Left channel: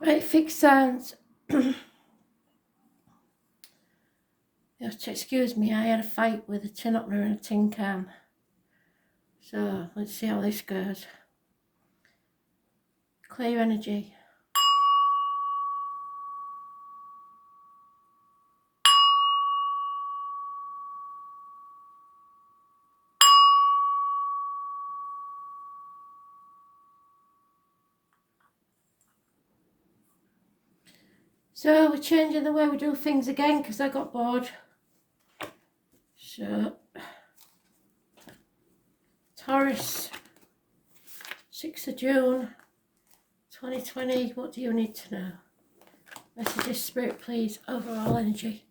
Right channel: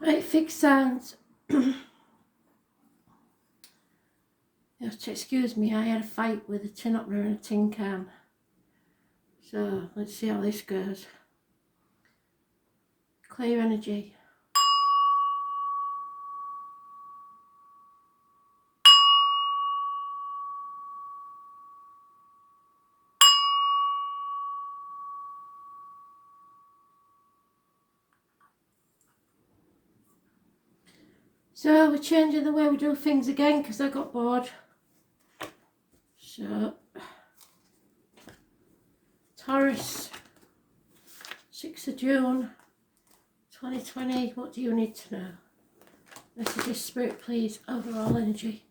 Right, fixed signs. You have to excuse me, I had a fight with a tin opener and a tin can. So let's see how this goes. Clear energy. So we're changing the way we do things again because I got bored. So Taurus, 6th of June 2020, what do you need to know? Messages, Spirit, please, overall energy.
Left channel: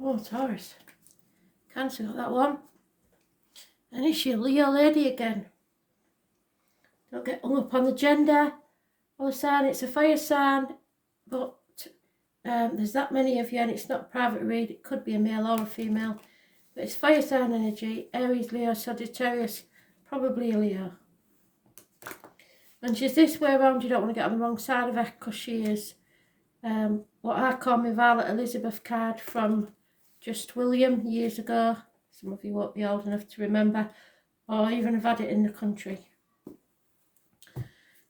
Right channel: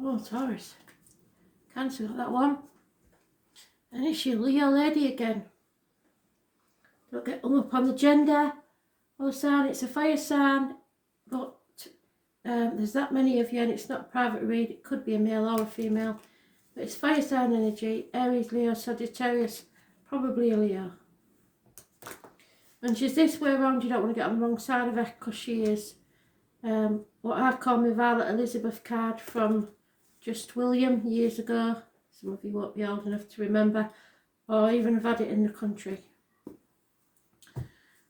Oh, Taurus. Cancer got that one. And it's your Leo lady again. Don't get hung up on the gender or the sign. It's a fire sign, but there's that many of you and it's not a private read. It could be a male or a female. But it's fire sign energy. Aries, Leo, Sagittarius. Probably a Leo. And she's this way around. You don't want to get on the wrong side of her because she is what I call my Violet Elizabeth card from Just William years ago. Some of you won't be old enough to remember or even have had it in the country.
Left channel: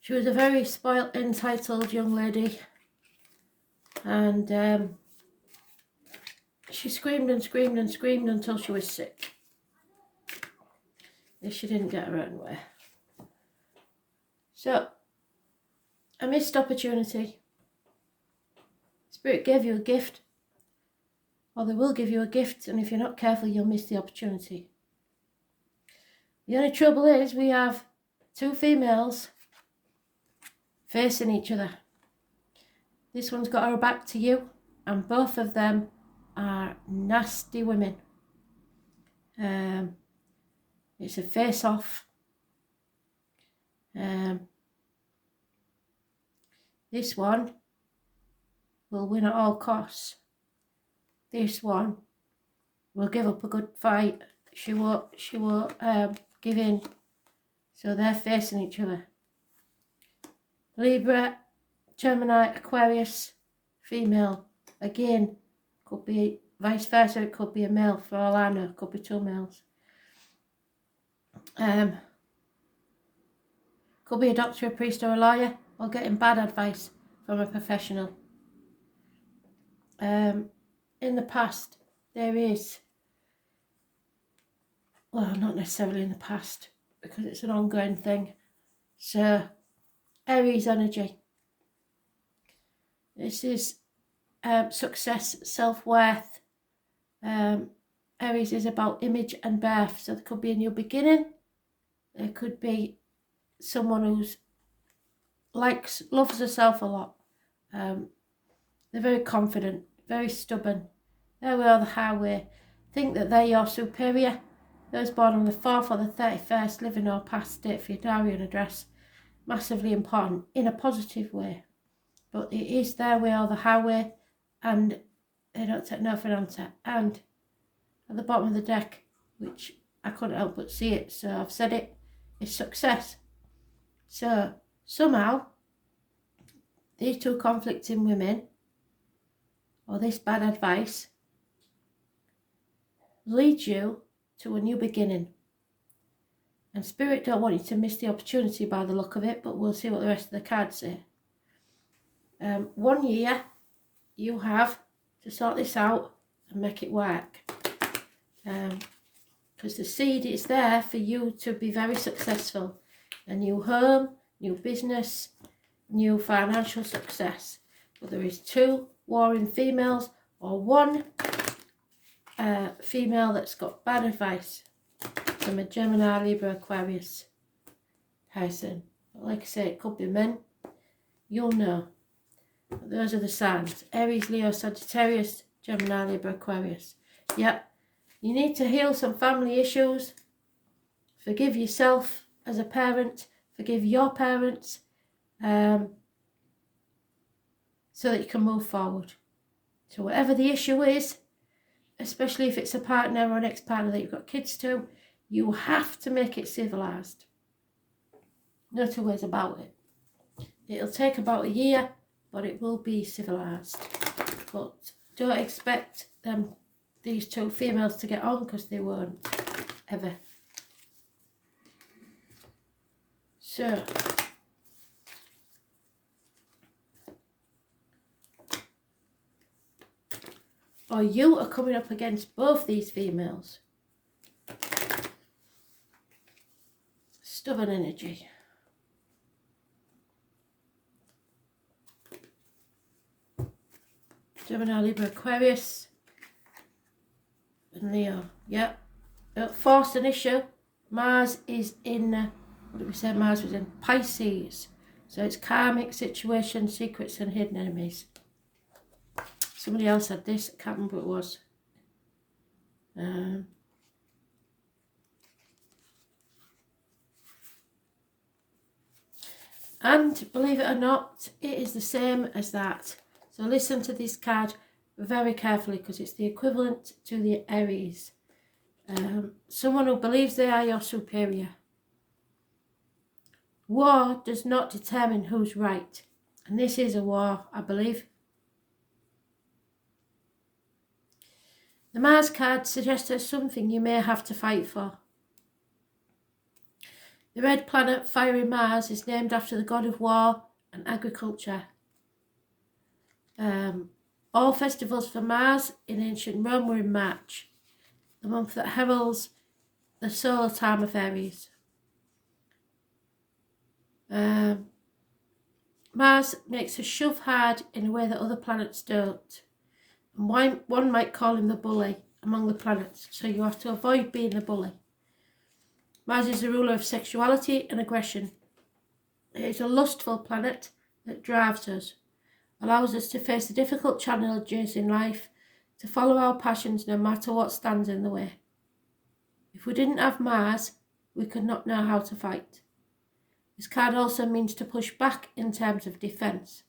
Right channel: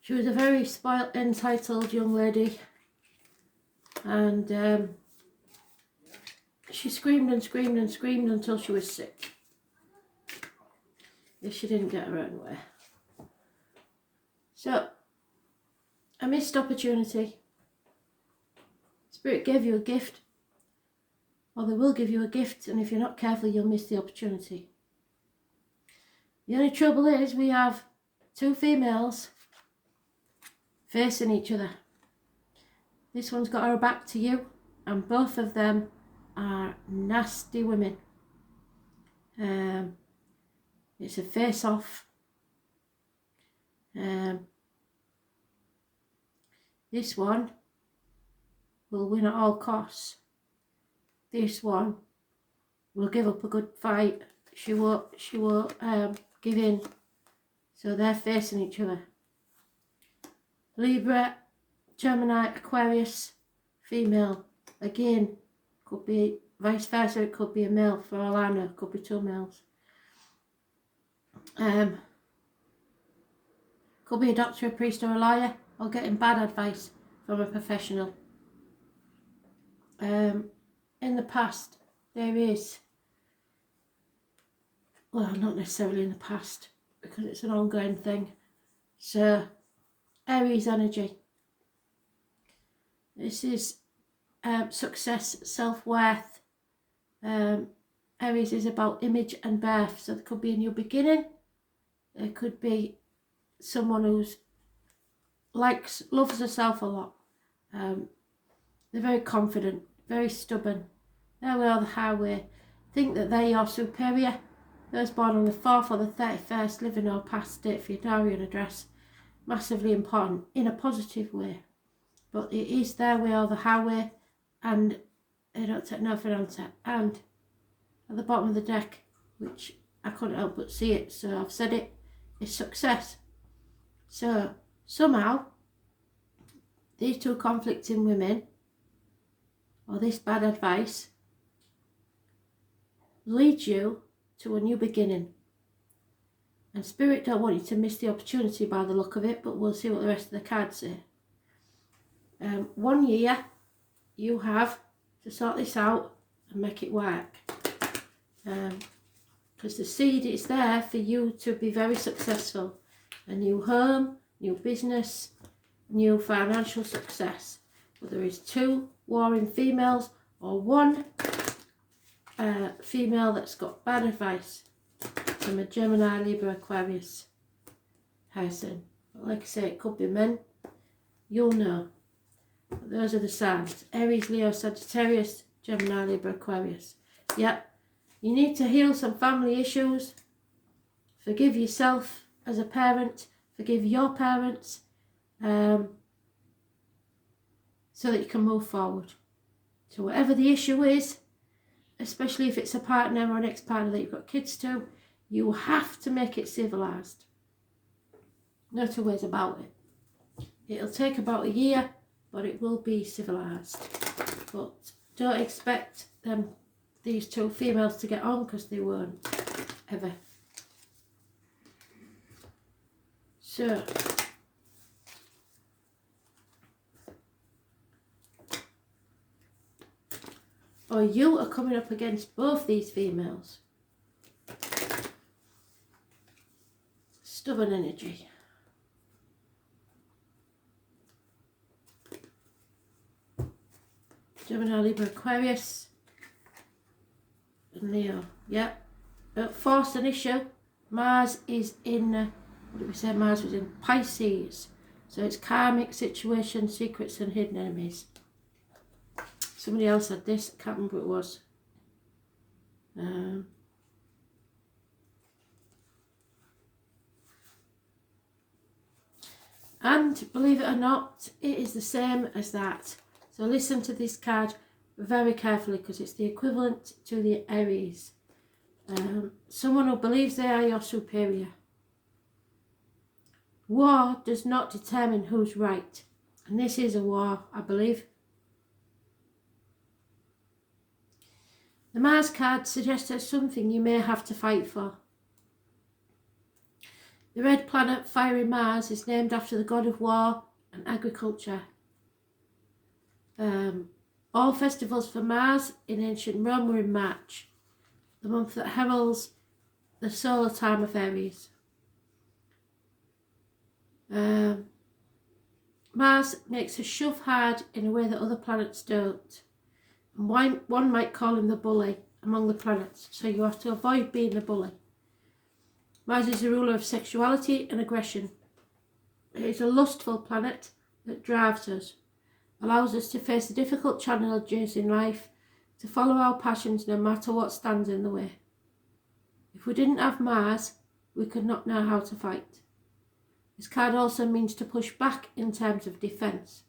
She was a very spoilt, entitled young lady, and she screamed and screamed and screamed until she was sick, if she didn't get her own way. So, a missed opportunity. Spirit gave you a gift, or they will give you a gift, and if you're not careful, you'll miss the opportunity. The only trouble is we have two females facing each other. This one's got her back to you, and both of them are nasty women. It's a face-off. This one will win at all costs. This one will give up a good fight. She won't give in. So they're facing each other. Libra, Gemini, Aquarius, female. Again, could be vice versa. It could be a male. For all I know, it could be two males. Could be a doctor, a priest, or a lawyer, or getting bad advice from a professional. In the past, there is, well, not necessarily in the past, because it's an ongoing thing. So, Aries energy. This is success, self-worth. Aries is about image and birth. So there could be a new beginning. There could be someone who's loves herself a lot. They're very confident, very stubborn. They're on the highway. Think that they're your superior. Those born on the 4th or the 31st, living or past date for your diary and address. Massively important in a positive way. But it is their way or the highway, and they don't take no for an answer. And at the bottom of the deck, which I couldn't help but see it, so I've said it, is success. So somehow, these two conflicting women, or this bad advice, leads you to a new beginning. And Spirit don't want you to miss the opportunity by the look of it, but we'll see what the rest of the cards say. 1 year you have to sort this out and make it work. Because the seed is there for you to be very successful. A new home, new business, new financial success. But there is two warring females or one female that's got bad advice from a Gemini, Libra, Aquarius person. But like I say, it could be men. You'll know. But those are the signs. Aries, Leo, Sagittarius, Gemini, Libra, Aquarius. Yeah. You need to heal some family issues. Forgive yourself as a parent. Forgive your parents. So that you can move forward. So whatever the issue is, especially if it's a partner or an ex-partner that you've got kids to, you have to make it civilised. No two ways about it. It'll take about a year, but it will be civilised. But don't expect these two females to get on, because they won't, ever. So, or you are coming up against both these females. Stubborn energy. Gemini, Libra, Aquarius, and Leo. Yep. Don't force an issue. Mars is in, what did we say Mars was in? Pisces. So it's karmic situations, secrets and hidden enemies. Somebody else had this, I can't remember what it was. And believe it or not, it is the same as that. So listen to this card very carefully, because it's the equivalent to the Aries. Someone who believes they are your superior. War does not determine who's right. And this is a war, I believe. The Mars card suggests there's something you may have to fight for. The red planet, fiery Mars, is named after the god of war and agriculture. All festivals for Mars in ancient Rome were in March, the month that heralds the solar time of Aries. Mars makes us shove hard in a way that other planets don't. And one might call him the bully among the planets, so you have to avoid being the bully. Mars is the ruler of sexuality and aggression. It is a lustful planet that drives us, allows us to face the difficult challenges in life, to follow our passions no matter what stands in the way. If we didn't have Mars, we could not know how to fight. This card also means to push back in terms of defence.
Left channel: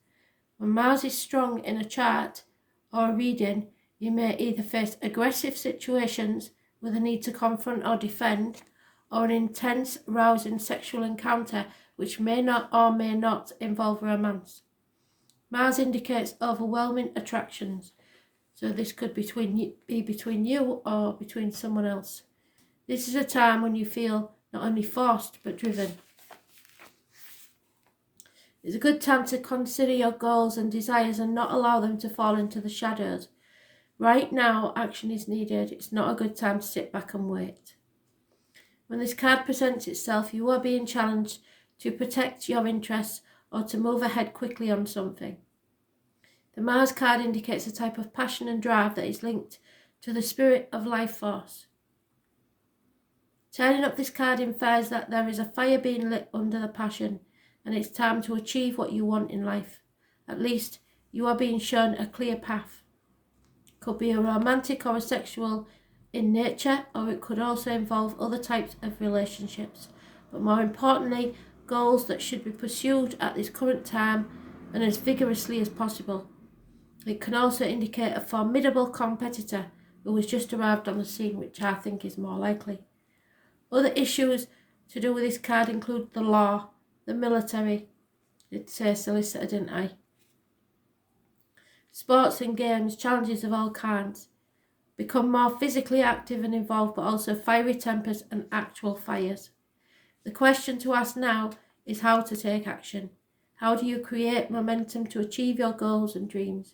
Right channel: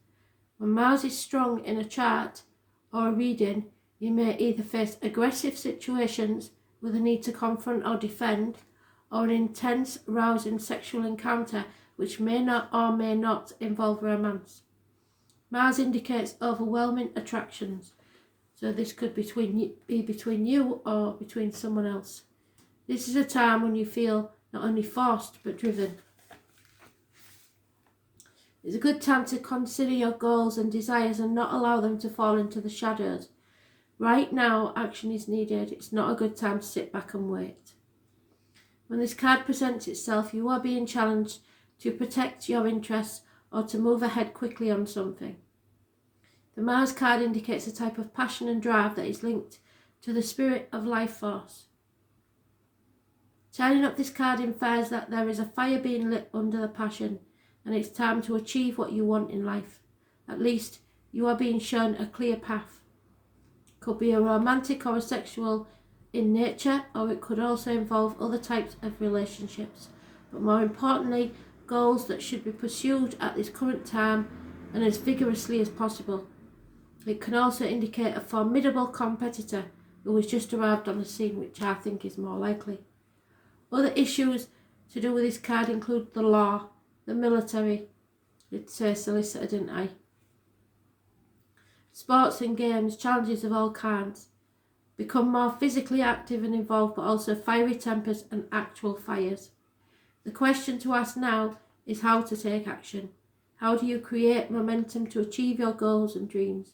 When Mars is strong in a chart or a reading, you may either face aggressive situations with a need to confront or defend, or an intense, rousing sexual encounter which may not or may not involve romance. Mars indicates overwhelming attractions, so this could be between you or between someone else. This is a time when you feel not only forced but driven. It's a good time to consider your goals and desires and not allow them to fall into the shadows. Right now, action is needed. It's not a good time to sit back and wait. When this card presents itself, you are being challenged to protect your interests or to move ahead quickly on something. The Mars card indicates a type of passion and drive that is linked to the spirit of life force. Turning up this card infers that there is a fire being lit under the passion, and it's time to achieve what you want in life. At least you are being shown a clear path. Could be a romantic or a sexual in nature, or it could also involve other types of relationships, but more importantly, goals that should be pursued at this current time and as vigorously as possible. It can also indicate a formidable competitor who has just arrived on the scene, which I think is more likely. Other issues to do with this card include the law, the military, it says solicitor, didn't I? Sports and games, challenges of all kinds. Become more physically active and involved, but also fiery tempers and actual fires. The question to ask now is how to take action. How do you create momentum to achieve your goals and dreams?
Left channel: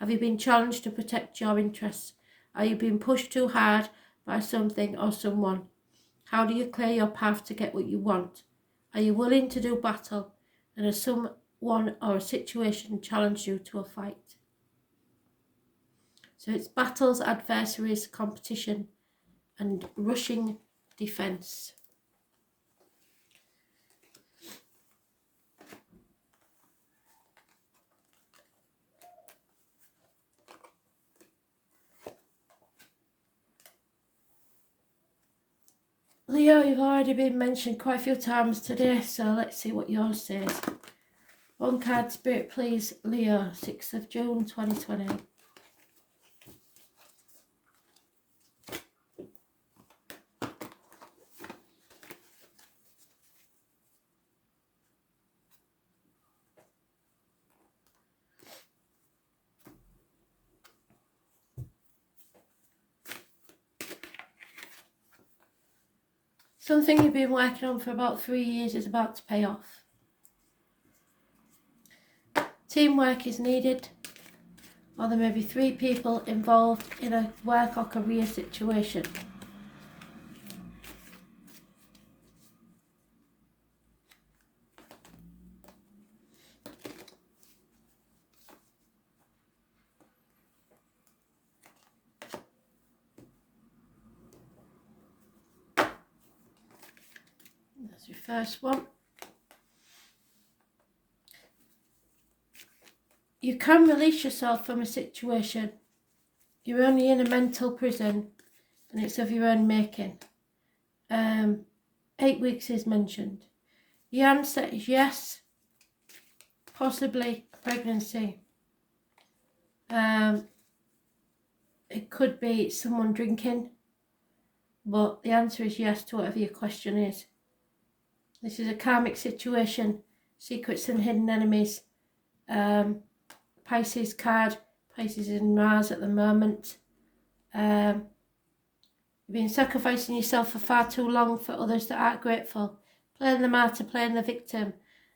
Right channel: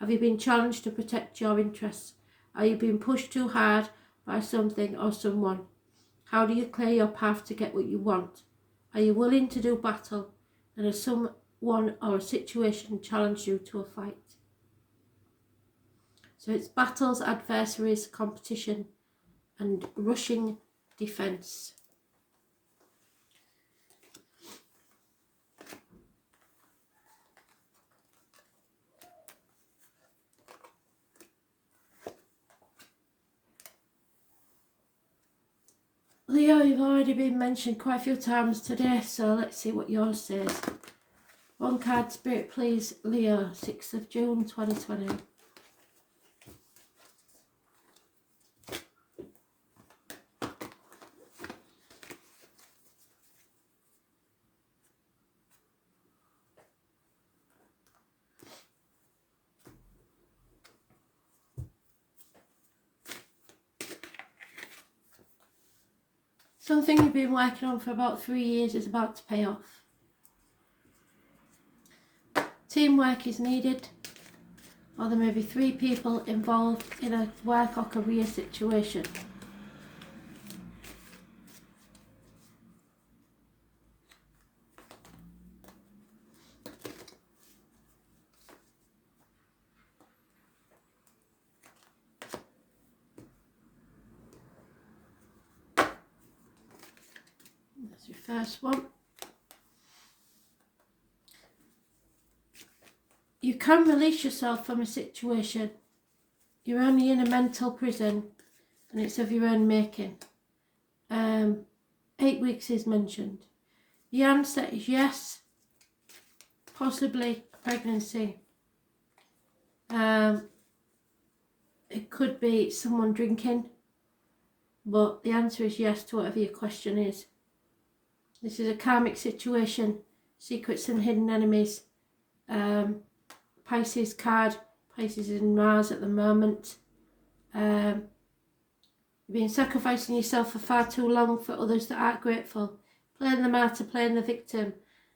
Have you been challenged to protect your interests? Are you being pushed too hard by something or someone? How do you clear your path to get what you want? Are you willing to do battle? And has someone or a situation challenged you to a fight? So it's battles, adversaries, competition, and rushing defence. Leo, you've already been mentioned quite a few times today, so let's see what yours says. One card, Spirit, please. Leo, 6th of June, 2020. Something you've been working on for about 3 years is about to pay off. Teamwork is needed, or there may be 3 people involved in a work or career situation. That's your first one. You can release yourself from a situation. You're only in a mental prison and it's of your own making. 8 weeks is mentioned. The answer is yes, possibly pregnancy. It could be someone drinking, but the answer is yes to whatever your question is. This is a karmic situation, secrets and hidden enemies. Pisces card, Pisces is in Mars at the moment. You've been sacrificing yourself for far too long for others that aren't grateful. Playing the martyr, playing the victim.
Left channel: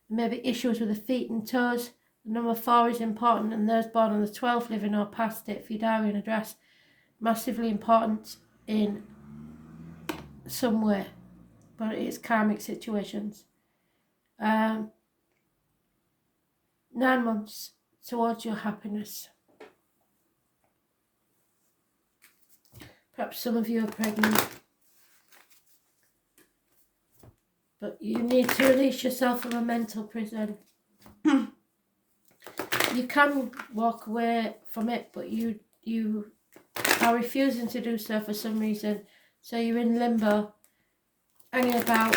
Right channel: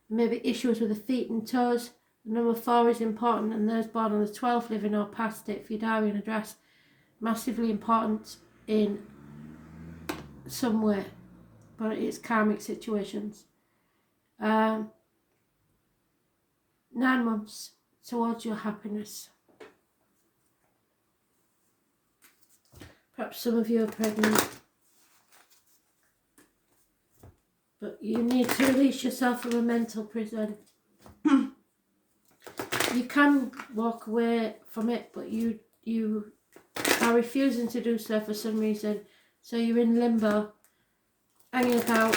Maybe issues with the feet and toes. Number 4 is important, and those born on the 12th, living or past it, for your diary and address. Massively important in some way, but it is karmic situations. 9 months towards your happiness. Perhaps some of you are pregnant, but you need to release yourself from a mental prison. You can walk away from it, but you are refusing to do so for some reason. So you're in limbo, hanging about.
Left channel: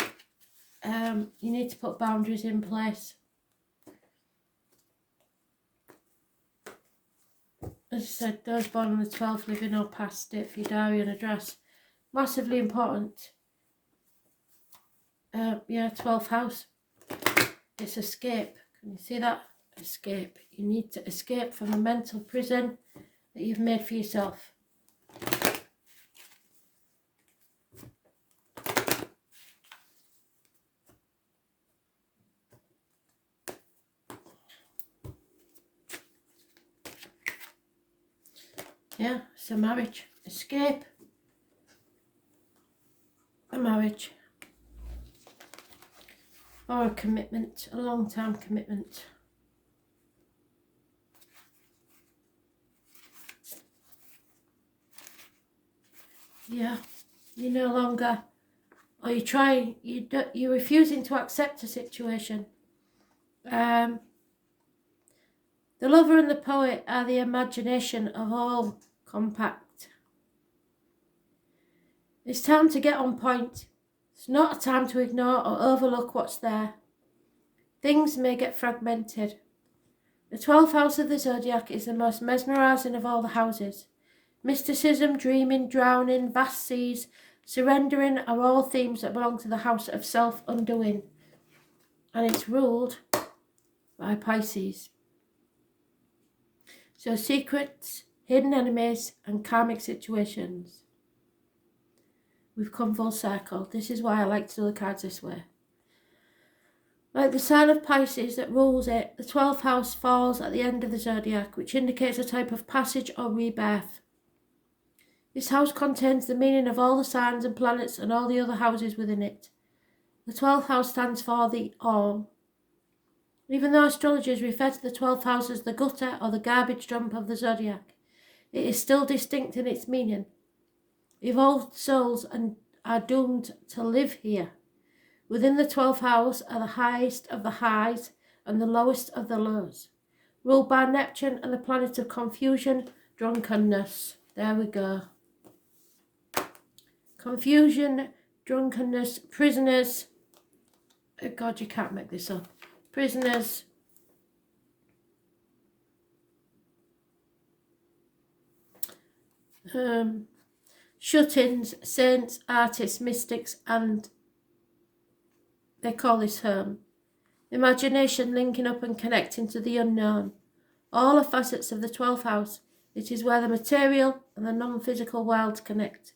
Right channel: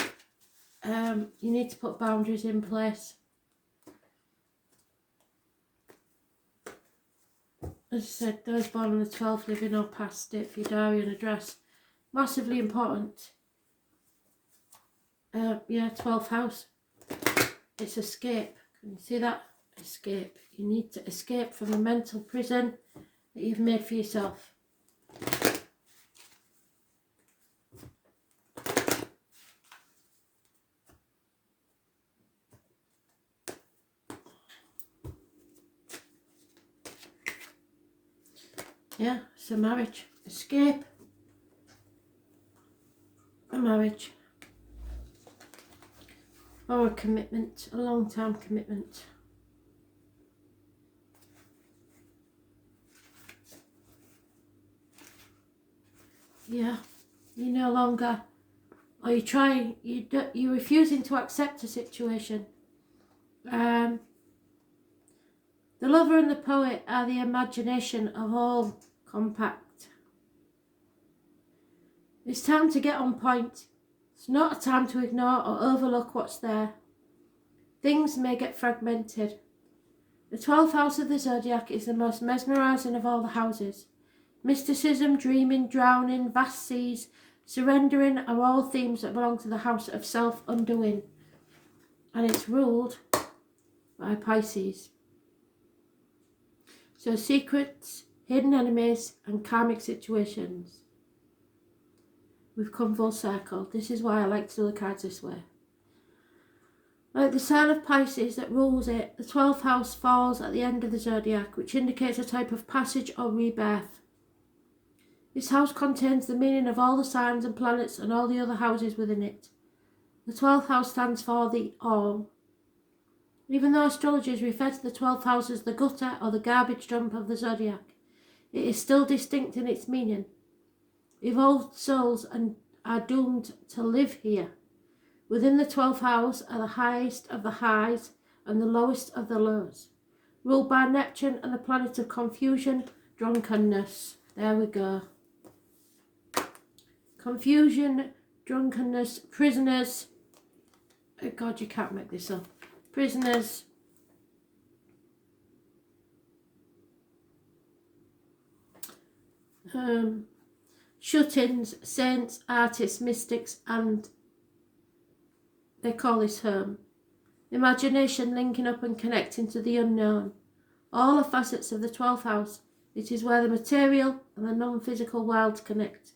You need to put boundaries in place. As I said, those born on the 12th, living or past it, for your diary and address. Massively important. Yeah, 12th house. It's escape. Can you see that? Escape. You need to escape from a mental prison that you've made for yourself. Yeah, it's a marriage. Escape. A marriage. Or a commitment, a long-term commitment. Yeah, you no longer, or you're refusing to accept a situation. The lover and the poet are the imagination of all compact. It's time to get on point. It's not a time to ignore or overlook what's there. Things may get fragmented. The 12th house of the zodiac is the most mesmerising of all the houses. Mysticism, dreaming, drowning, vast seas, surrendering are all themes that belong to the house of self-undoing. And it's ruled by Pisces. So secrets, hidden enemies and karmic situations. We've come full circle. This is why I like to do the cards this way. Like the sign of Pisces that rules it, the 12th house falls at the end of the zodiac, which indicates a type of passage or rebirth. This house contains the meaning of all the signs and planets and all the other houses within it. The 12th house stands for the all. Even though astrologers refer to the 12th house as the gutter or the garbage dump of the zodiac, it is still distinct in its meaning. Evolved souls are doomed to live here. Within the 12th house are the highest of the highs and the lowest of the lows, ruled by Neptune and the planet of confusion, drunkenness. There we go. Confusion, drunkenness, prisoners. Oh God, you can't make this up. Prisoners. Shut-ins, saints, artists, mystics, and they call this home. Imagination linking up and connecting to the unknown. All are facets of the 12th house. It is where the material and the non-physical worlds connect.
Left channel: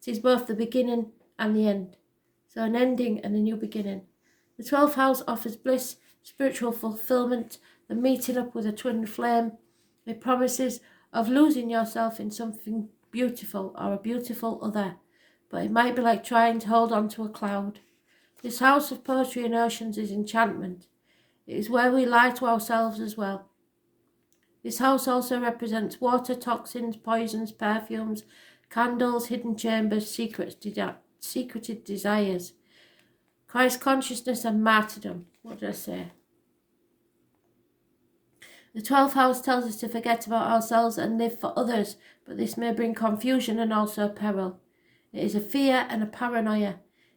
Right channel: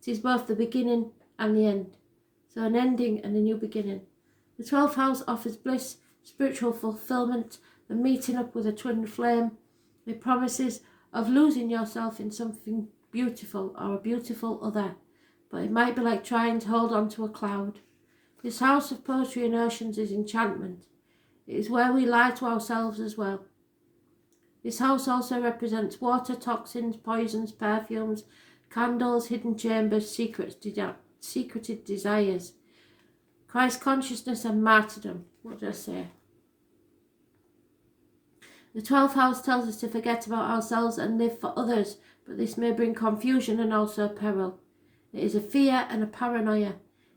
It is both the beginning and the end. So an ending and a new beginning. The 12th house offers bliss, spiritual fulfillment, the meeting up with a twin flame. It promises of losing yourself in something beautiful or a beautiful other, but it might be like trying to hold on to a cloud. This house of poetry and oceans is enchantment. It is where we lie to ourselves as well. This house also represents water, toxins, poisons, perfumes, candles, hidden chambers, secreted desires, Christ consciousness and martyrdom. What did I say? The 12th house tells us to forget about ourselves and live for others, but this may bring confusion and also peril. It is a fear and a paranoia.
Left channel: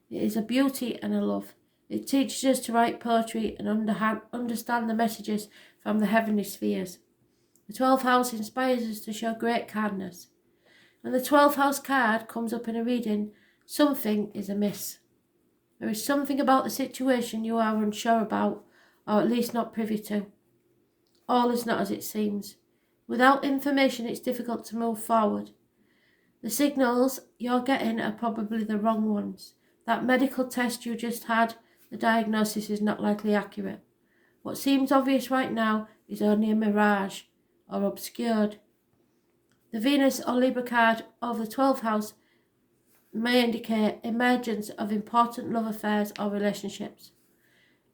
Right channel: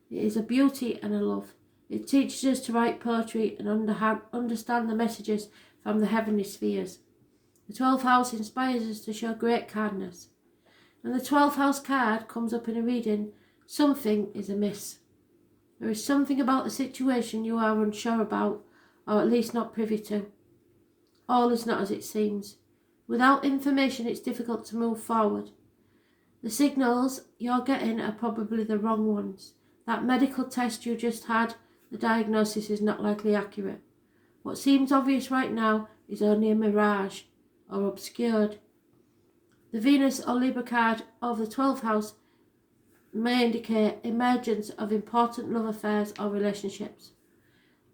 It is a beauty and a love. It teaches us to write poetry and understand the messages from the heavenly spheres. The 12th house inspires us to show great kindness. When the 12th house card comes up in a reading, something is amiss. There is something about the situation you are unsure about, or at least not privy to. All is not as it seems. Without information, it's difficult to move forward. The signals you're getting are probably the wrong ones. That medical test you just had, the diagnosis is not likely accurate. What seems obvious right now is only a mirage, or obscured. The Venus or Libra card of the 12th house may indicate emergence of important love affairs or relationships.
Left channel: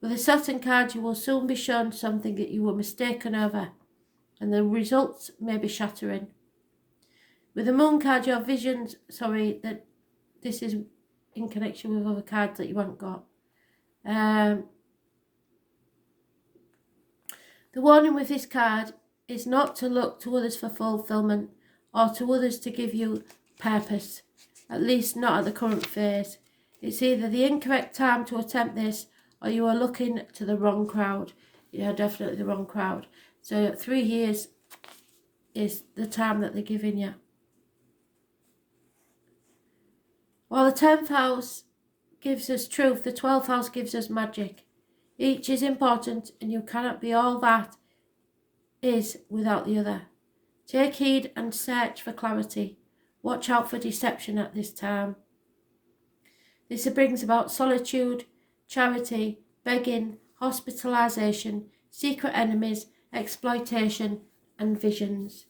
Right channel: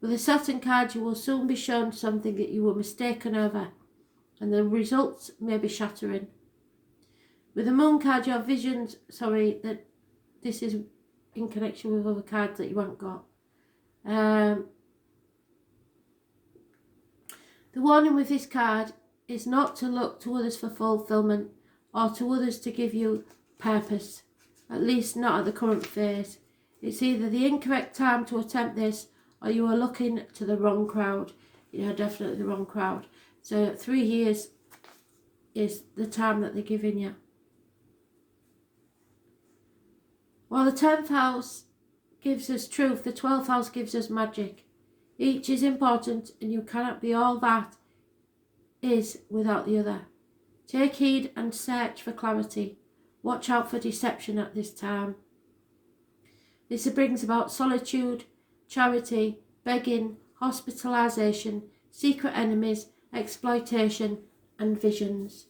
With the Saturn card, you will soon be shown something that you were mistaken over, and the results may be shattering. With the Moon card, your visions, that this is in connection with other cards that you haven't got. The warning with this card is not to look to others for fulfillment or to others to give you purpose, at least not at the current phase. It's either the incorrect time to attempt this or you are looking to the wrong crowd. You are definitely the wrong crowd. So 3 years is the time that they're giving you. While the 10th house gives us truth, the 12th house gives us magic. Each is important and you cannot be all that is without the other. Take heed and search for clarity. Watch out for deception at this time. This brings about solitude, charity, begging, hospitalization, secret enemies, exploitation, and visions.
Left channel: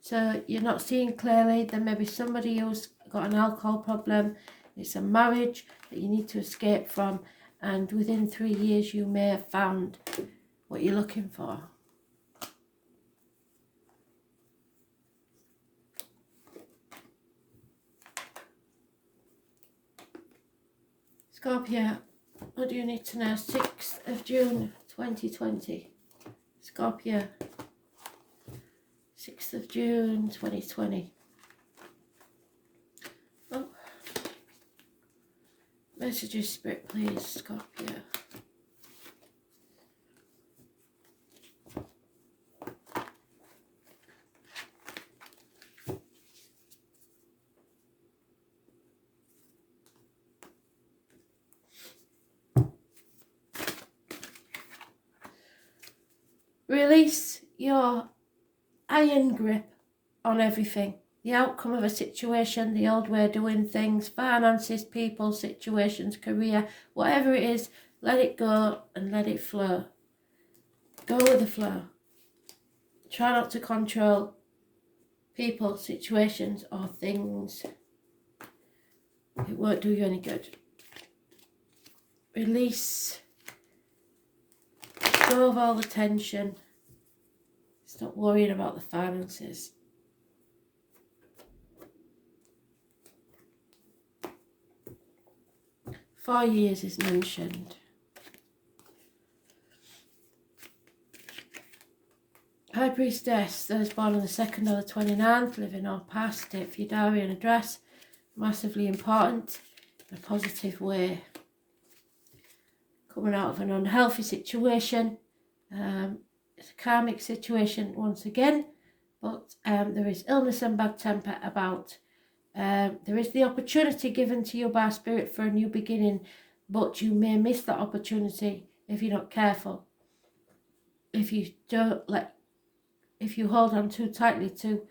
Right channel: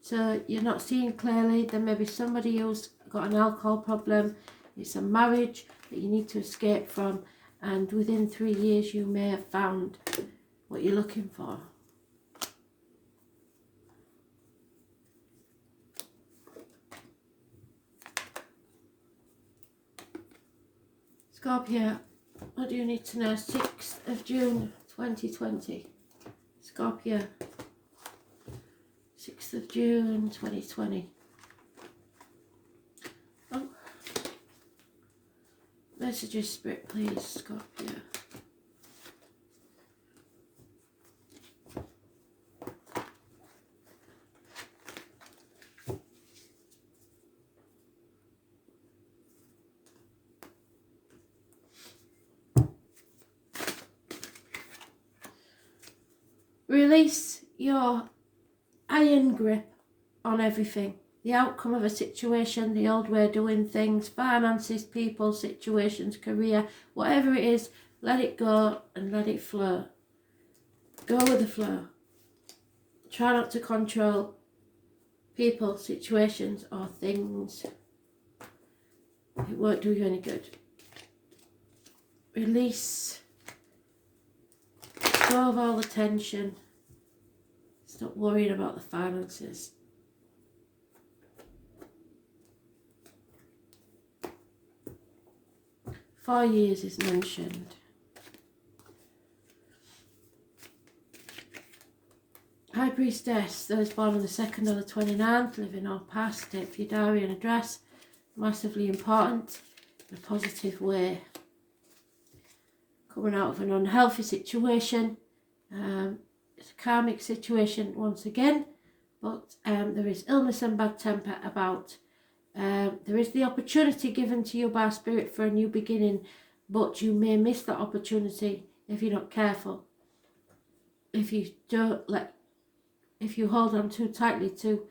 So you're not seeing clearly. There may be somebody who's got an alcohol problem. It's a marriage that you need to escape from. And within 3 years, you may have found what you're looking for. Scorpio, what do you need to know? 6th of June 2020. Scorpio, 6th of June 2020. Oh. Messages, Spirit, please, Scorpio. Release your iron grip on everything. The outcome of a situation, the old way of doing things, finances, people, situations, career, whatever it is, let it go and let it flow. Go with the flow. Try not to control people, situations, or things. It won't do you any good. Release. Go of all the tension. Stop worrying about the finances. Four years is mentioned. High Priestess, those born on the 2nd or the 29th, living or past, date for your diary and address, massively important. in a positive way. Coming out of an unhealthy situation. It's a karmic situation once again, but there is illness and bad temper about. There is the opportunity given to you by Spirit for a new beginning, but you may miss that opportunity if you're not careful. If you hold on too tightly to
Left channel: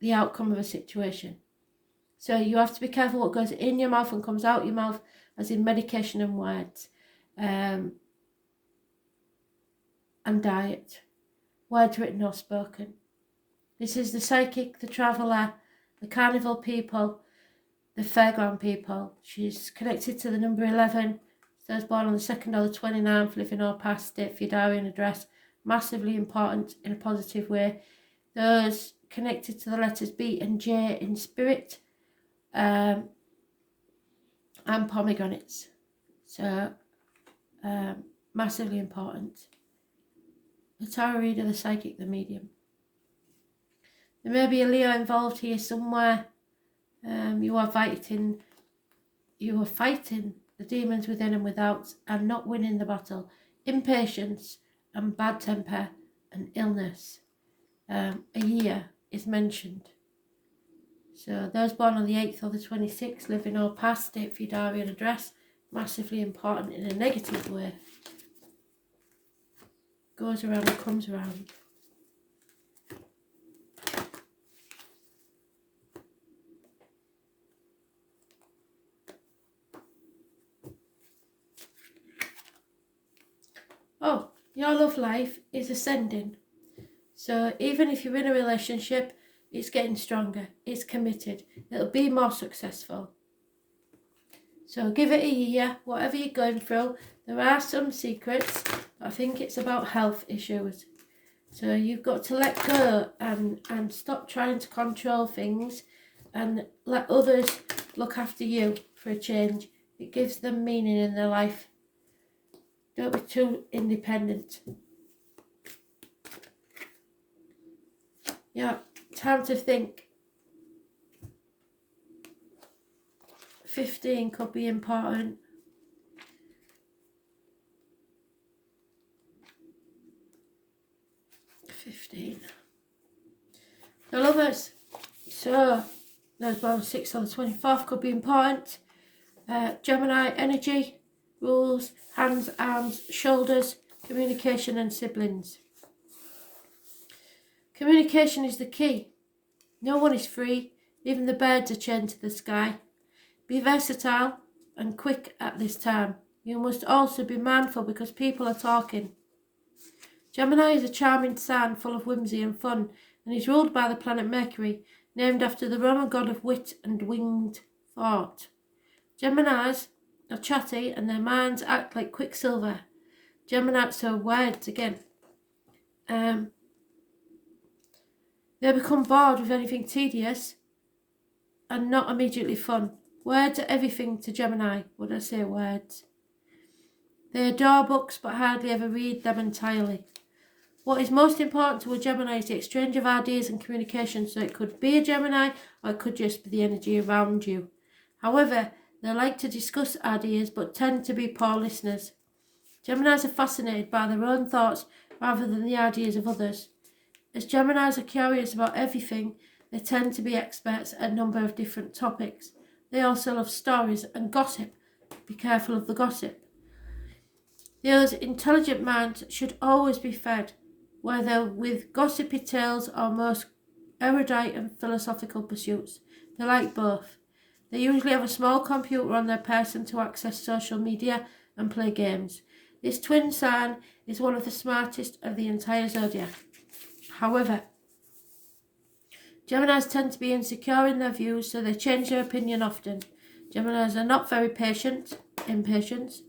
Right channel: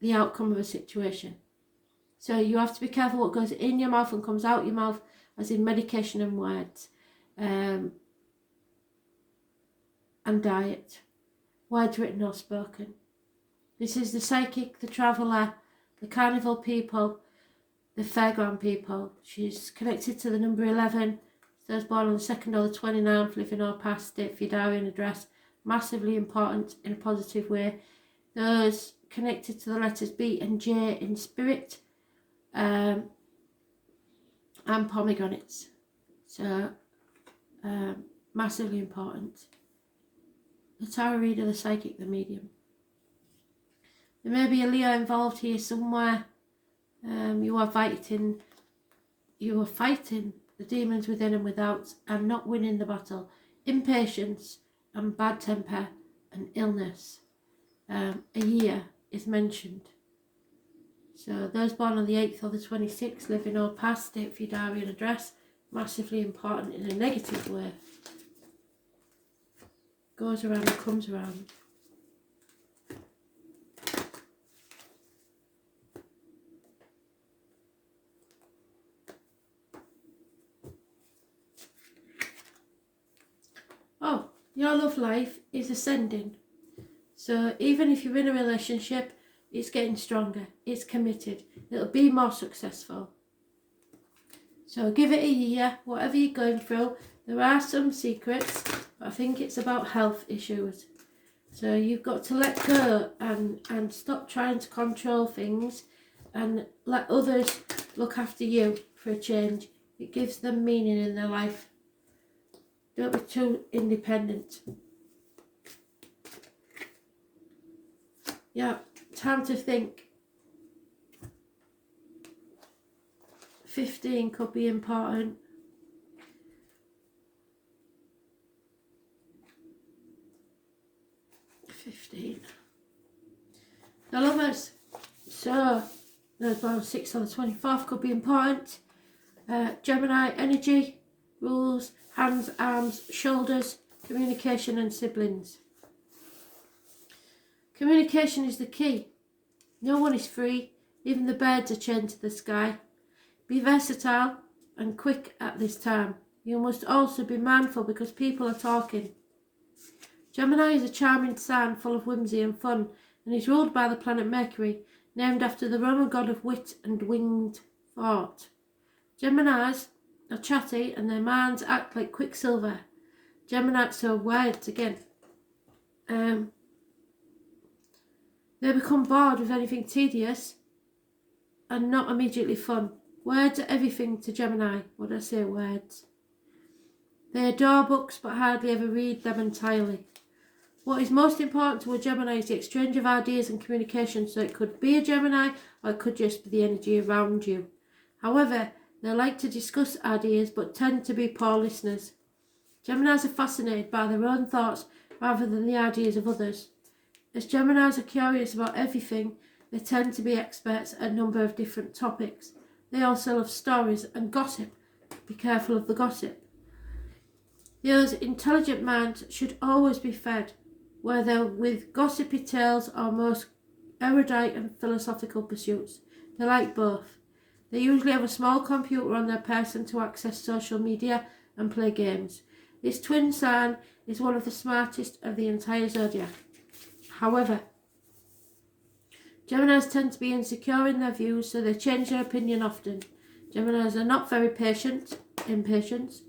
the outcome of a situation. So you have to be careful what goes in your mouth and comes out your mouth, as in medication and words. And diet. Words written or spoken. This is the psychic, the traveller, the carnival people, the fairground people. She's connected to the number 11. Those born on the 2nd or the 29th, living or past, date for your diary and address. Massively important in a positive way. Those connected to the letters B and J in spirit. And pomegranates. So, massively important. The tarot reader, the psychic, the medium. There may be a Leo involved here somewhere. You are fighting the demons within and without, and not winning the battle. Impatience and bad temper and illness. A year is mentioned. So those born on the 8th or the 26th, living or past, date for your diary and address. Massively important in a negative way. Goes around and comes around. Oh, your love life is ascending. So even if you're in a relationship, it's getting stronger. It's committed. It'll be more successful. So give it a year, whatever you're going through. There are some secrets, but I think it's about health issues. So you've got to let go and stop trying to control things and let others look after you for a change. It gives them meaning in their life. Don't be too independent. Yeah, time to think. 15 could be important. The lovers. So, those born 6 on the 24th could be important. Gemini energy, rules, hands, arms, shoulders, communication and siblings. Communication is the key. No one is free. Even the birds are chained to the sky. Be versatile and quick at this time. You must also be mindful because people are talking. Gemini is a charming sign full of whimsy and fun and is ruled by the planet Mercury, named after the Roman god of wit and winged thought. Geminis are chatty and their minds act like quicksilver. Geminis are words again. They become bored with anything tedious and not immediately fun. Words are everything to Gemini. What do I say, words? They adore books but hardly ever read them entirely. What is most important to a Gemini is the exchange of ideas and communication, so it could be a Gemini or it could just be the energy around you. However, they like to discuss ideas but tend to be poor listeners. Geminis are fascinated by their own thoughts rather than the ideas of others. As Geminis are curious about everything, they tend to be experts at a number of different topics. They also love stories and gossip. Be careful of the gossip. Those intelligent minds should always be fed, whether with gossipy tales or most erudite and philosophical pursuits. They like both. They usually have a small computer on their person to access social media and play games. This twin sign is one of the smartest of the entire zodiac. However, Geminis tend to be insecure in their views, so they change their opinion often. Geminis are not very impatient.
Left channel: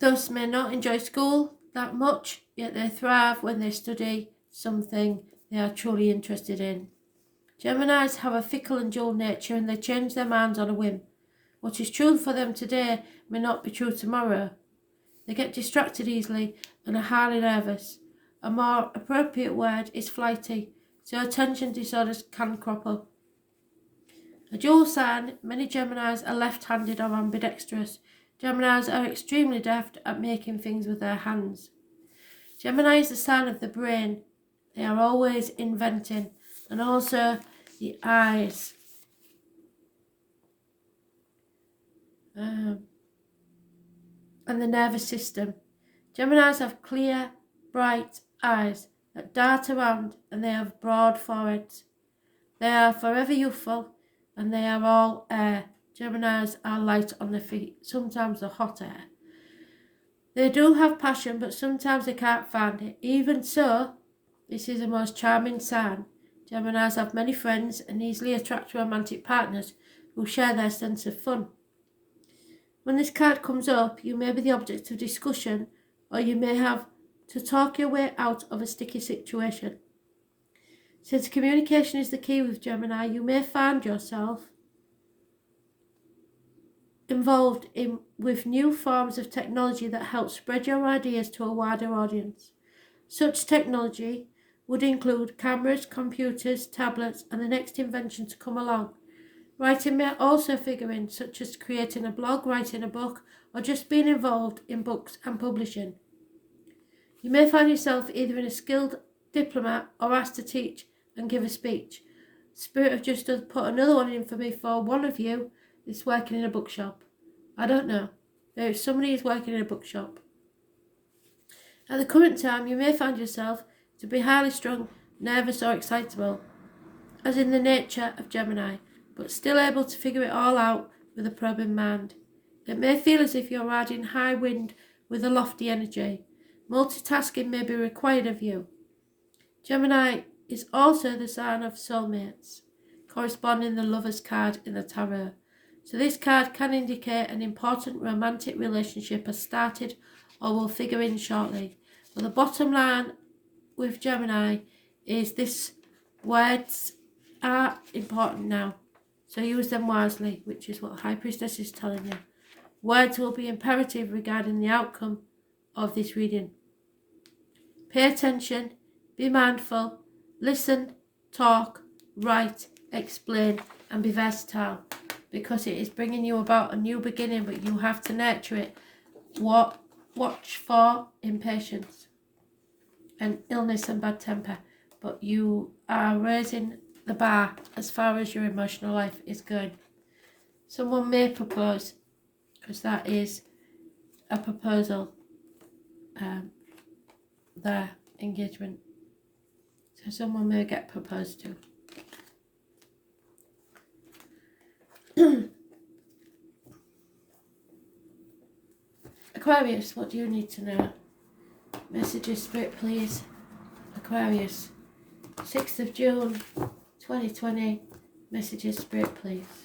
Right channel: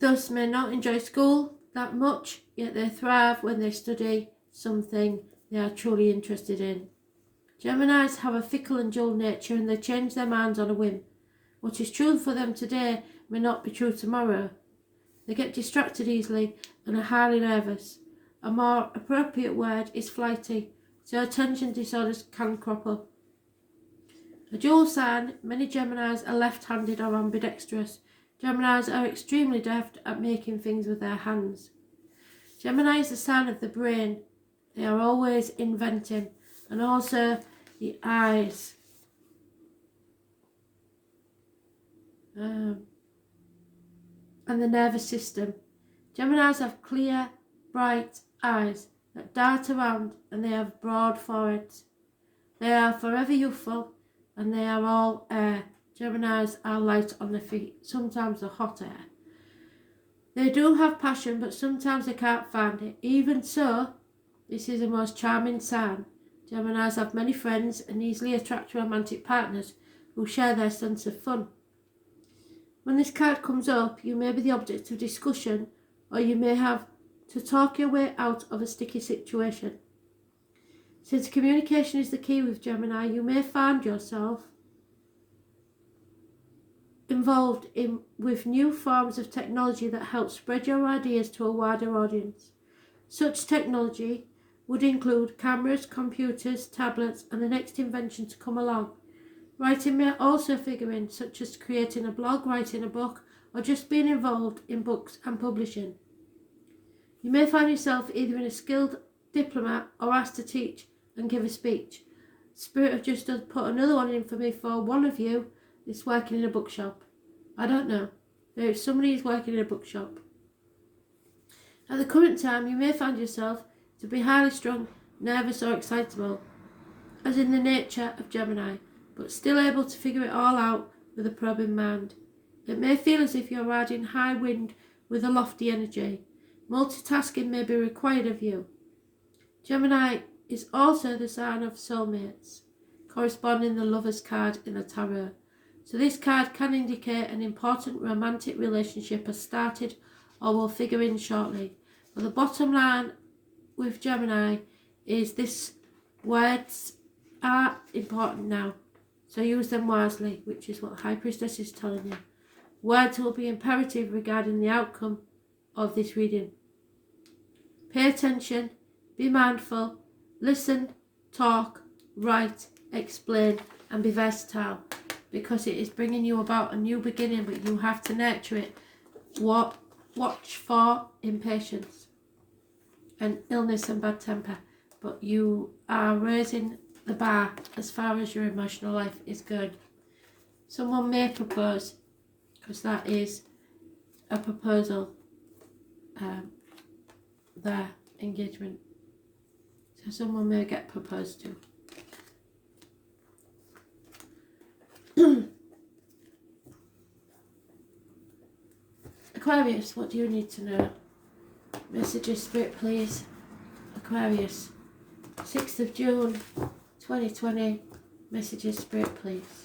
Thus may not enjoy school that much, yet they thrive when they study something they are truly interested in. Geminis have a fickle and dual nature and they change their minds on a whim. What is true for them today may not be true tomorrow. They get distracted easily and are highly nervous. A more appropriate word is flighty, so attention disorders can crop up. A dual sign, many Geminis are left-handed or ambidextrous. Geminis are extremely deft at making things with their hands. Gemini is the sign of the brain. They are always inventing. And also the eyes. And the nervous system. Geminis have clear, bright eyes that dart around, and they have broad foreheads. They are forever youthful, and they are all air. Geminis are light on their feet, sometimes the hot air. They do have passion, but sometimes they can't find it. Even so, this is the most charming sign. Geminis have many friends and easily attract romantic partners who share their sense of fun. When this card comes up, you may be the object of discussion, or you may have to talk your way out of a sticky situation. Since communication is the key with Gemini, you may find yourself involved with new forms of technology that help spread your ideas to a wider audience. Such technology would include cameras, computers, tablets, and the next invention to come along. Writing may also figure in, such as creating a blog, writing a book, or just being involved in books and publishing. You may find yourself either in a skilled diplomat or asked to teach and give a speech. Spirit have just put another one in for me for one of you is working in a bookshop. I don't know. There's somebody who's working in a bookshop. At the current time, you may find yourself to be highly strung, nervous or excitable, as in the nature of Gemini, but still able to figure it all out with a probing mind. It may feel as if you're riding high wind with a lofty energy. Multitasking may be required of you. Gemini is also the sign of soulmates, corresponding the Lover's card in the Tarot. So this card can indicate an important romantic relationship has started or will figure in shortly. But the bottom line with Gemini is this: words are important now, so use them wisely, which is what High Priestess is telling you. Words will be imperative regarding the outcome of this reading. Pay attention, be mindful, listen, talk, write, explain, and be versatile, because it is bringing you about a new beginning, but you have to nurture it. Watch for impatience and illness and bad temper, but you are raising the bar as far as your emotional life is going. Someone may propose, because that is a proposal, their engagement. So someone may get proposed to. Aquarius, what do you need to know? Messages, Spirit, please. Aquarius, 6th of June, 2020. Messages, Spirit, please.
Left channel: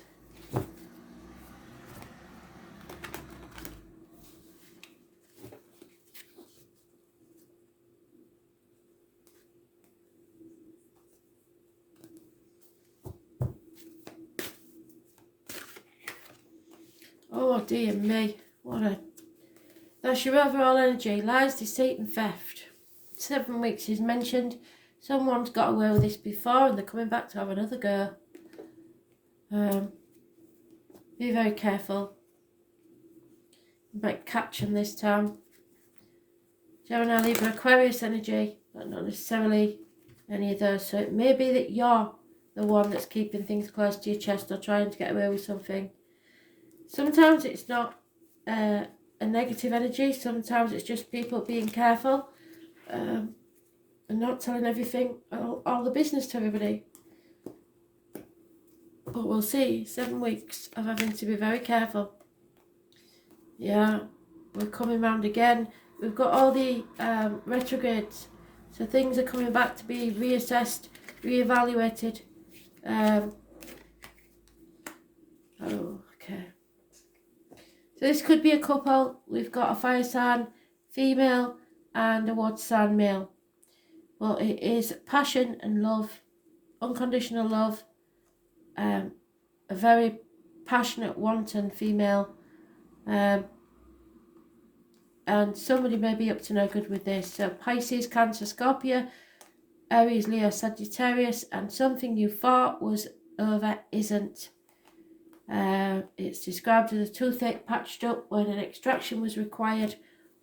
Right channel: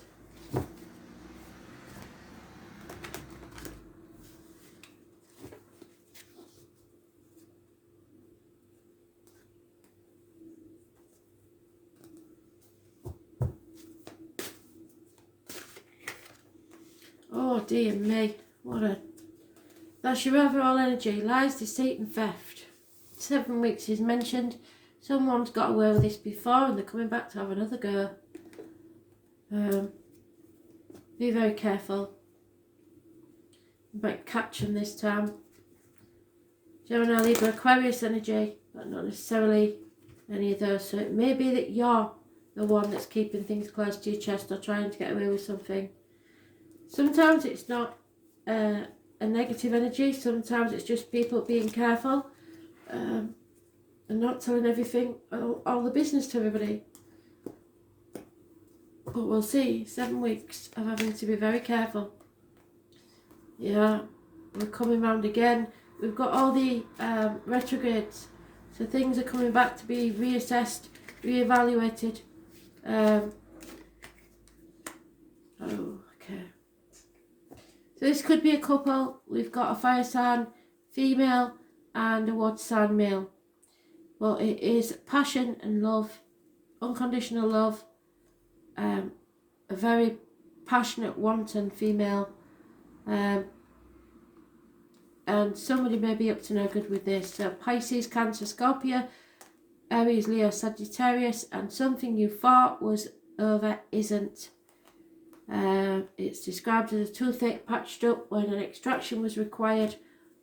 Oh dear me, that's your overall energy. Lies, deceit and theft. 7 weeks is mentioned. Someone's got away with this before and they're coming back to have another go. Be very careful. You might catch them this time. Gemini, Libra, Aquarius energy, but not necessarily any of those. So it may be that you're the one that's keeping things close to your chest or trying to get away with something. Sometimes it's not a negative energy. Sometimes it's just people being careful and not telling everything, all the business to everybody. But we'll see. 7 weeks of having to be very careful. Yeah, we're coming round again. We've got all the retrogrades. So things are coming back to be reassessed, reevaluated. Okay. So this could be a couple. We've got a fire sign female and a water sign male. Well, it is passion and love, unconditional love, a very passionate, wanton female, and somebody may be up to no good with this. So Pisces, Cancer, Scorpio, Aries, Leo, Sagittarius, and something you thought was over isn't. It's described as a toothache patched up when an extraction was required,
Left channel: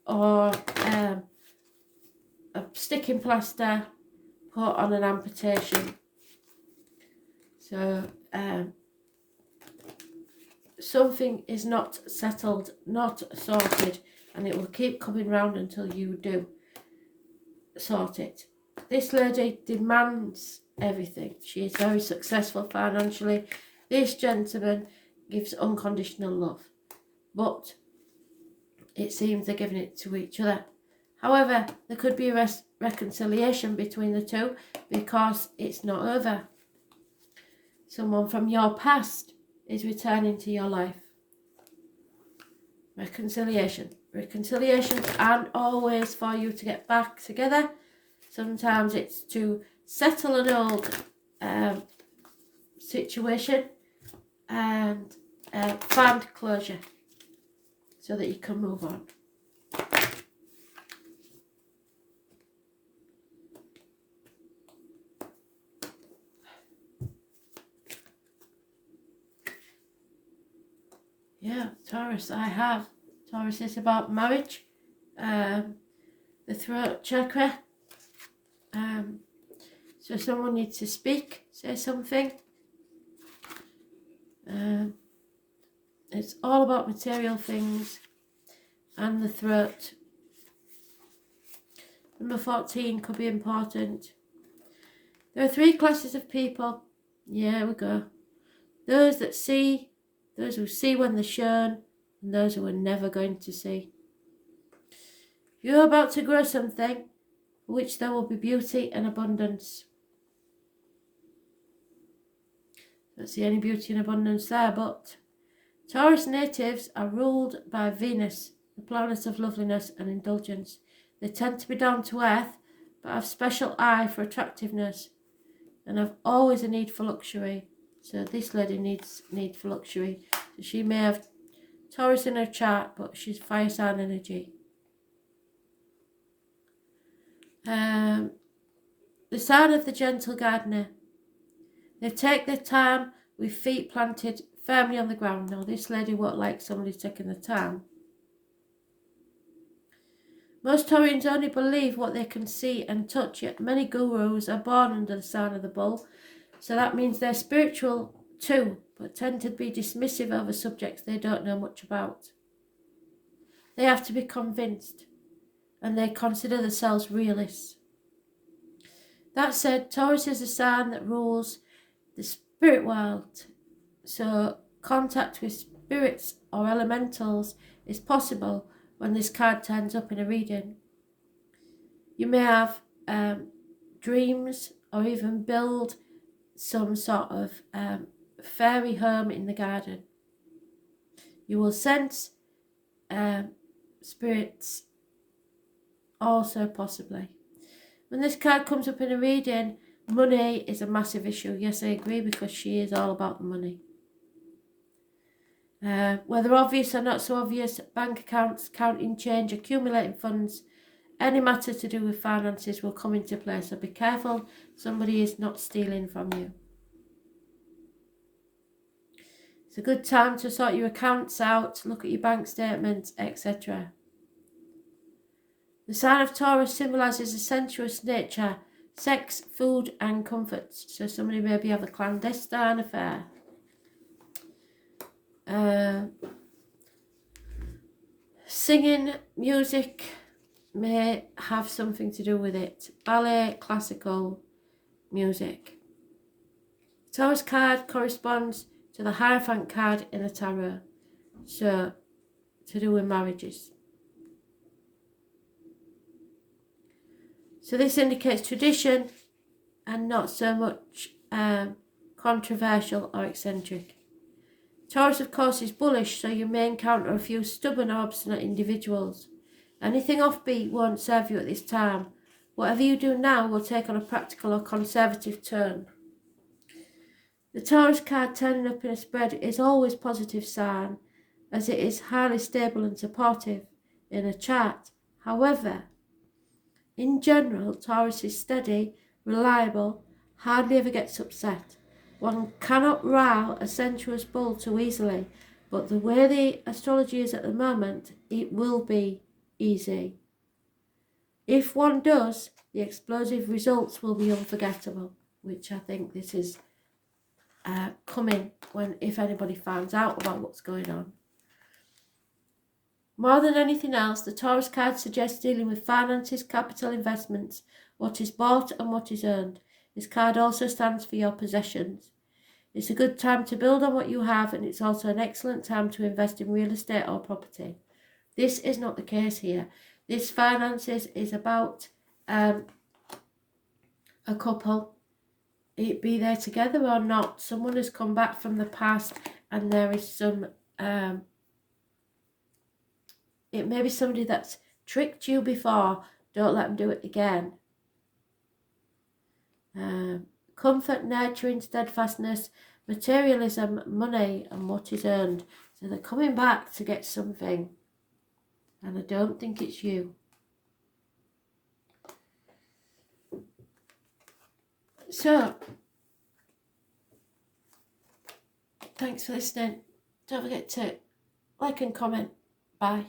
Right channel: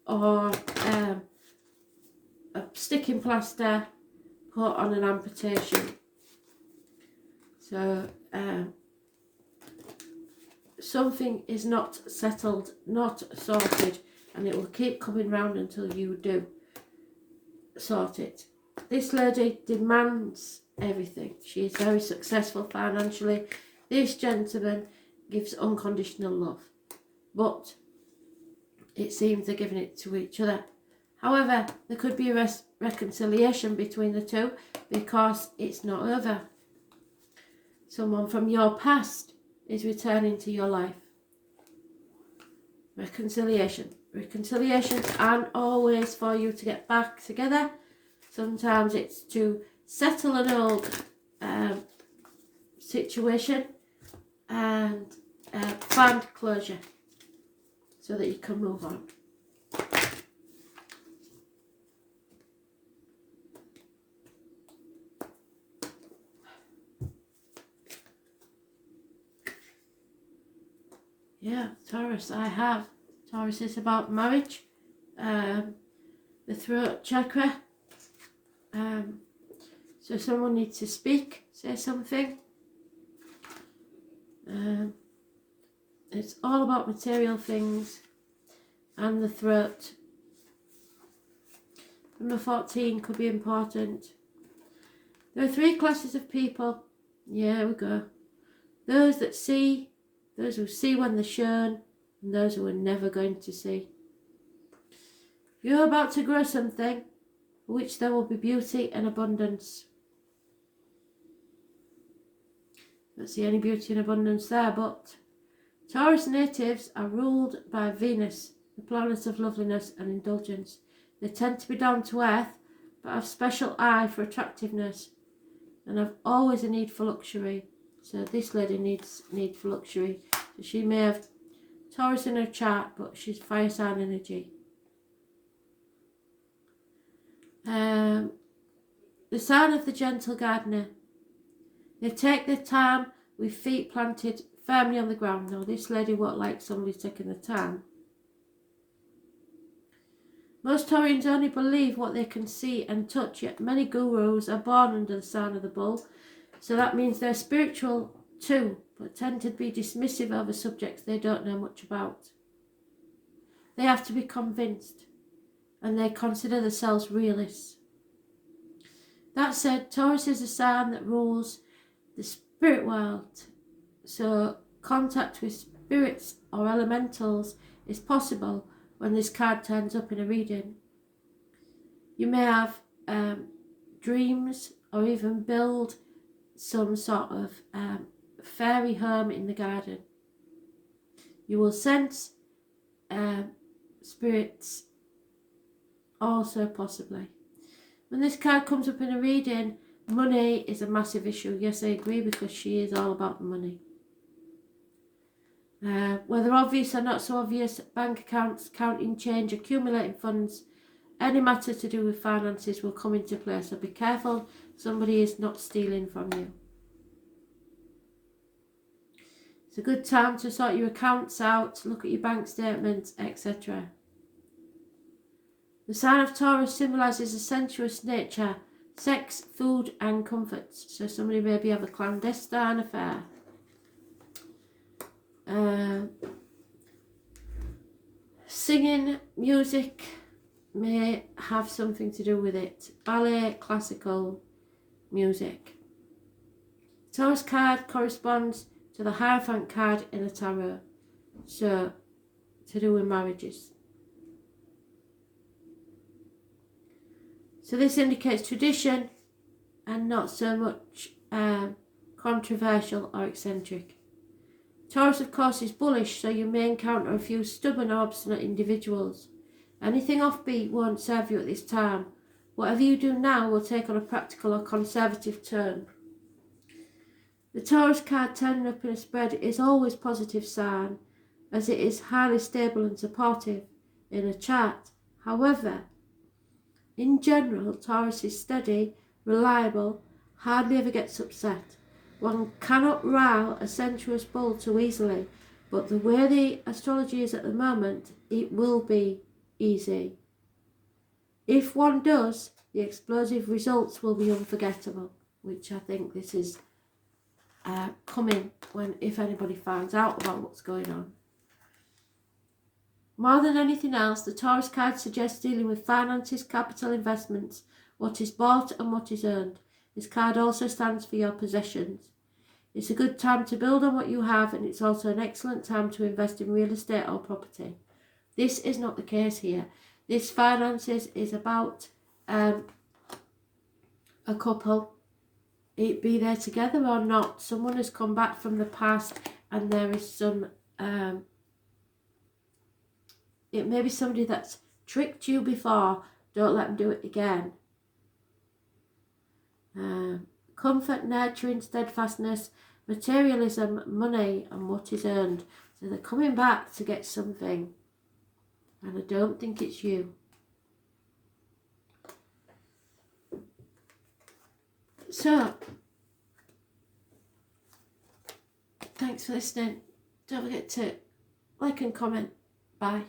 or a sticking plaster put on an amputation. So something is not settled, not sorted, and it will keep coming round until you do sort it. This lady demands everything. She is very successful financially. This gentleman gives unconditional love, but it seems they're giving it to each other. However, there could be a reconciliation between the two because it's not over. Someone from your past is returning to your life. Reconciliation. Reconciliations aren't always for you to get back together. Sometimes it's to settle an old situation and find closure so that you can move on. Yeah, Taurus, I have. Taurus is about marriage, the throat chakra. So someone needs to speak, say something. It's all about material things and the throat. Number 14 could be important. There are 3 classes of people. Yeah, we go. Those that see, those who see when they're shown, and those who are never going to see. You're about to grow something for which there will be beauty and abundance. Don't see any beauty and abundance there, but Taurus natives are ruled by Venus, the planet of loveliness and indulgence. They tend to be down to earth, but have special eye for attractiveness, and have always a need for luxury. So this lady needs need for luxury. So she may have Taurus in her chart, but she's fire sign energy. The sign of the gentle gardener. They take their time with feet planted firmly on the ground. Now this lady won't like somebody taking the time. Most Taurians only believe what they can see and touch, yet many gurus are born under the sign of the bull. So that means they're spiritual too, but tend to be dismissive over subjects they don't know much about. They have to be convinced, and they consider themselves realists. That said, Taurus is a sign that rules the spirit world, so contact with spirits or elementals is possible when this card turns up in a reading. You may have dreams or even build some sort of fairy home in the garden. You will sense spirits also possibly. When this card comes up in a reading, money is a massive issue. Yes, I agree, because she is all about the money. Whether obvious or not so obvious, bank accounts, counting change, accumulating funds, any matter to do with finances will come into play. So be careful somebody is not stealing from you. It's a good time to sort your accounts out, look at your bank statements, etc. The sign of Taurus symbolises a sensuous nature, sex, food and comforts. So somebody maybe have a clandestine affair. Singing, music may have something to do with it. Ballet, classical music. Taurus card corresponds to the Hierophant card in the tarot. So, to do with marriages. So this indicates tradition and not so much controversial or eccentric. Taurus, of course, is bullish, so you may encounter a few stubborn or obstinate individuals. Anything offbeat won't serve you at this time. Whatever you do now will take on a practical or conservative turn. The Taurus card turning up in a spread is always a positive sign, as it is highly stable and supportive in a chart. However, in general, Taurus is steady, reliable, hardly ever gets upset. One cannot rile a sensuous bull too easily, but the way the astrology is at the moment, it will be easy. If one does, the explosive results will be unforgettable, which I think this is coming if anybody finds out about what's going on. More than anything else, the Taurus card suggests dealing with finances, capital investments, what is bought and what is earned. This card also stands for your possessions. It's a good time to build on what you have, and it's also an excellent time to invest in real estate or property. This is not the case here. This finances is about a couple. It be there together or not. Someone has come back from the past, and there is some... it may be somebody that's tricked you before. Don't let them do it again. Comfort, nurturing, steadfastness, materialism, money, and what is earned. So they're coming back to get something. And I don't think it's you. So, thanks for listening. Don't forget to like and comment. Bye.